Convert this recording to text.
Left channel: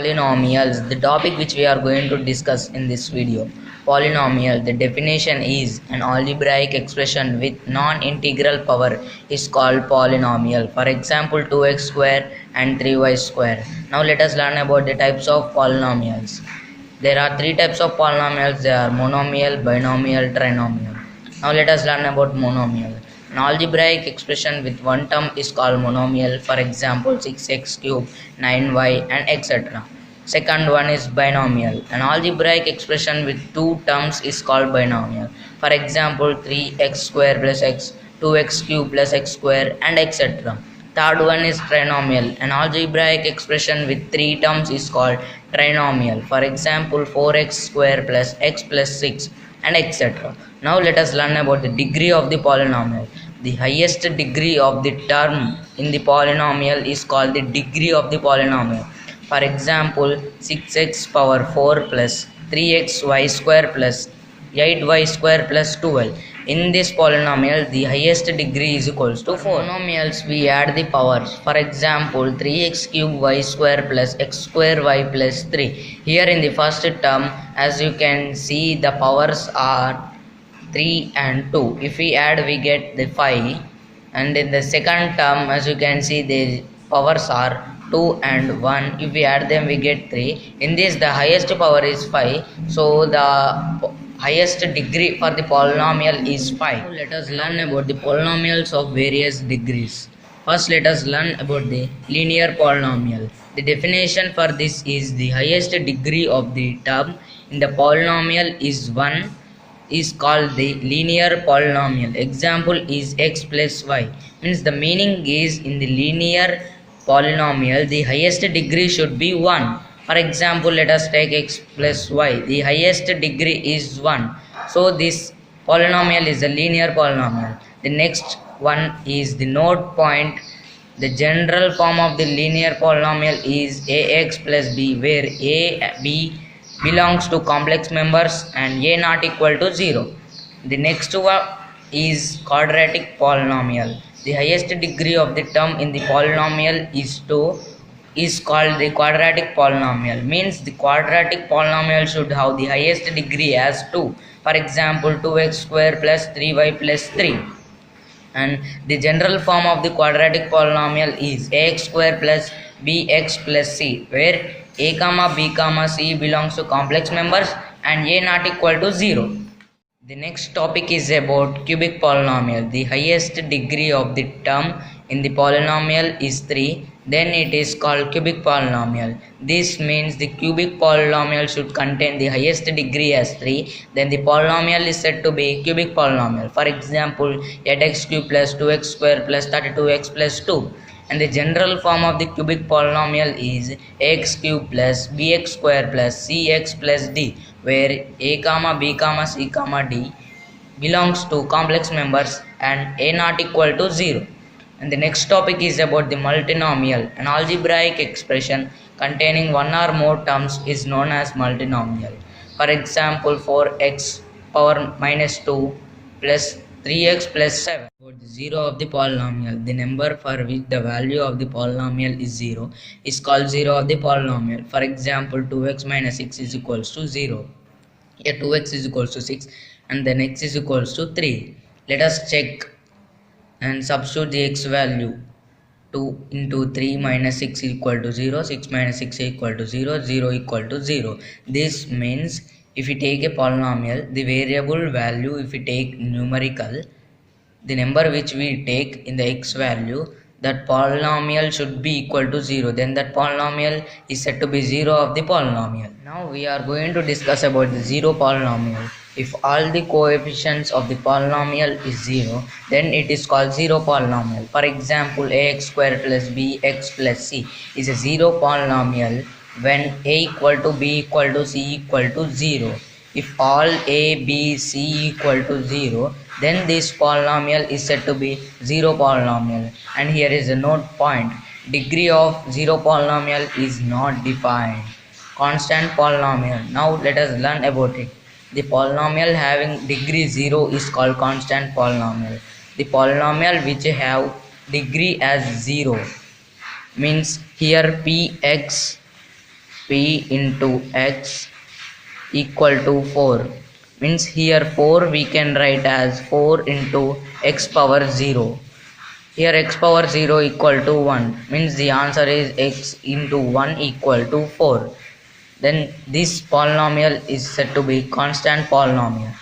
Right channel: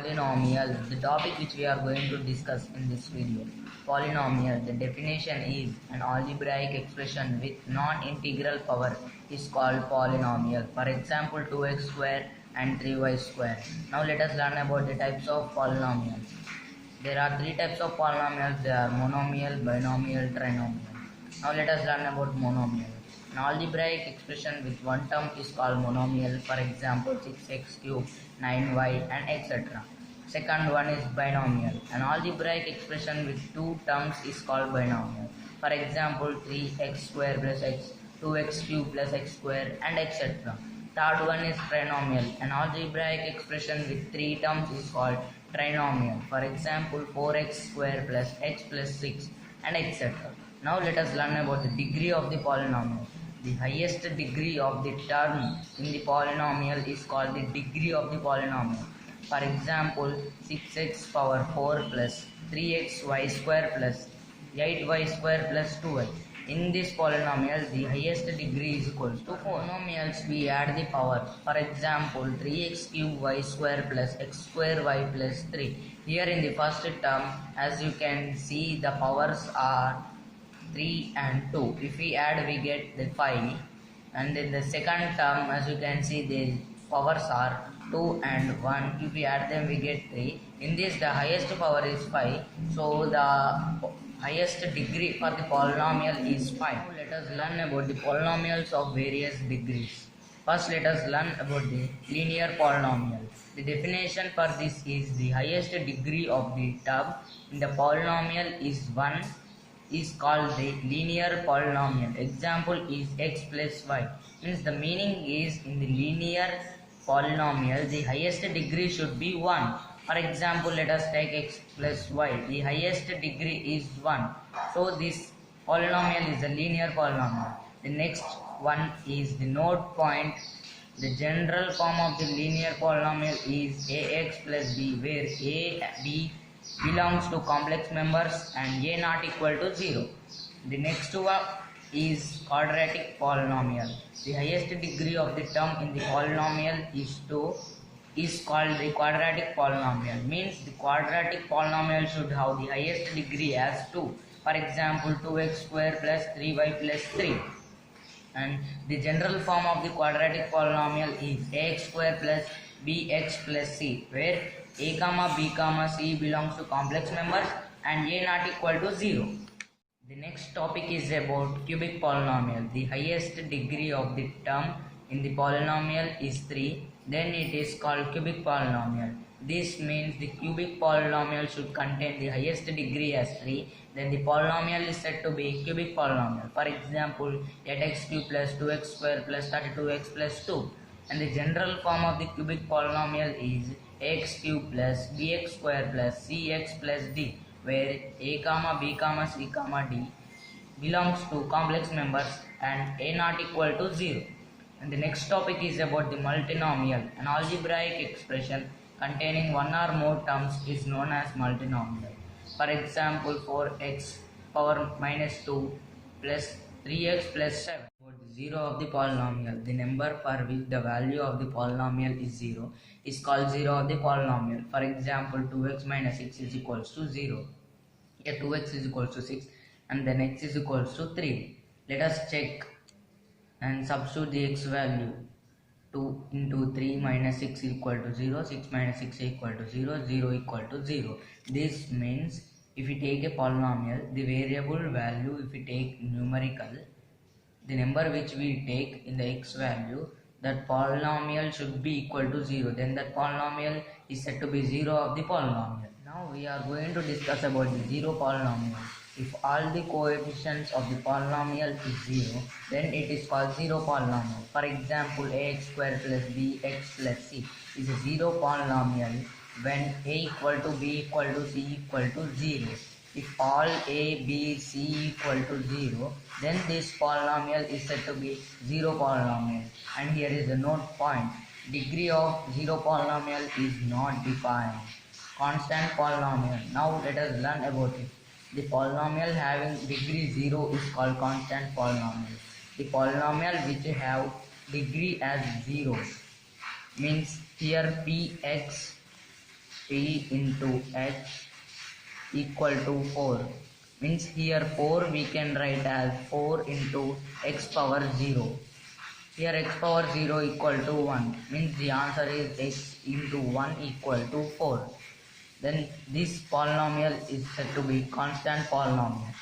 Polynomials, the topic which we are going to discuss in this video. Polynomial, the definition is an algebraic expression with non-integral power is called polynomial. For example, 2x square and 3y square. Now let us learn about the types of polynomials. There are three types of polynomials. They are monomial, binomial, trinomial. Now let us learn about monomial. An algebraic expression with one term is called monomial. For example, 6x cube, 9y and etc. Second one is binomial. An algebraic expression with two terms is called binomial. For example, 3x square plus x, 2x cube plus x square and etc. Third one is trinomial. An algebraic expression with three terms is called trinomial. For example, 4x square plus x plus 6 and etc. Now let us learn about the degree of the polynomial. The highest degree of the term in the polynomial is called the degree of the polynomial. For example, 6x power 4 plus 3xy square plus 8y square plus 12. In this polynomial, the highest degree is equals to 4. Polynomials, we add the powers. For example, 3x cube y square plus x square y plus 3. Here in the first term, as you can see, the powers are 3 and 2. If we add, we get the 5. And in the second term, as you can see, the powers are 2 and 1. If we add them, we get 3. In this, the highest power is 5. So the highest degree for the polynomial is 5. Let us learn about the polynomials of various degrees. First, let us learn about the linear polynomial. The definition for this is the highest degree of the term in the polynomial is 1 is called the linear polynomial. Example is x plus y. Means the meaning is in the linear polynomial the highest degree should be 1. For example, let us take x plus y. The highest degree is 1. So this polynomial is a linear polynomial. The next one is the node point. The general form of the linear polynomial is ax plus b, where a, b belongs to complex members and a not equal to 0. The next one is quadratic polynomial. The highest degree of the term in the polynomial is 2 is called the quadratic polynomial. Means the quadratic polynomial should have the highest degree as 2. For example, 2x square plus 3y plus 3. And the general form of the quadratic polynomial is ax square plus bx plus c, where a comma b comma c belongs to complex members and a not equal to 0. The next topic is about cubic polynomial. The highest degree of the term in the polynomial is 3. Then it is called cubic polynomial. This means the cubic polynomial should contain the highest degree as 3. Then the polynomial is said to be cubic polynomial. For example, 8x cube plus 2x square plus 32x plus 2. And the general form of the cubic polynomial is x cube plus bx square plus cx plus d, where a comma b comma c comma d belongs to complex members and a not equal to 0. And the next topic is about the multinomial. An algebraic expression containing one or more terms is known as multinomial. For example, 4x power minus 2 plus 3x plus 7. About the 0 of the polynomial, the number for which the value of the polynomial is 0 is called 0 of the polynomial. For example, 2x minus 6 is equals to 0. Here 2x is equals to 6 and then x is equals to 3. Let us check and substitute the x value. 2 into 3 minus 6 equal to 0, 6 minus 6 equal to 0, 0 equal to 0. This means if we take a polynomial, the variable value, if we take numerical, the number which we take in the x value, that polynomial should be equal to 0. Then that polynomial is said to be 0 of the polynomial. Now we are going to discuss about the 0 polynomial. If all the coefficients of the polynomial is 0, then it is called 0 polynomial. For example, ax square plus bx plus c is a 0 polynomial when a equal to b equal to c equal to 0. If all a, b, c equal to 0, then this polynomial is said to be 0 polynomial. And here is a note point. Degree of 0 polynomial is not defined. Constant polynomial. Now let us learn about it. The polynomial having degree 0 is called constant polynomial. The polynomial which have degree as 0 means here px p into x equal to 4. Means here 4 we can write as 4 into x power 0. Here x power 0 equal to 1. Means the answer is x into 1 equal to 4. Then this polynomial is said to be constant polynomial.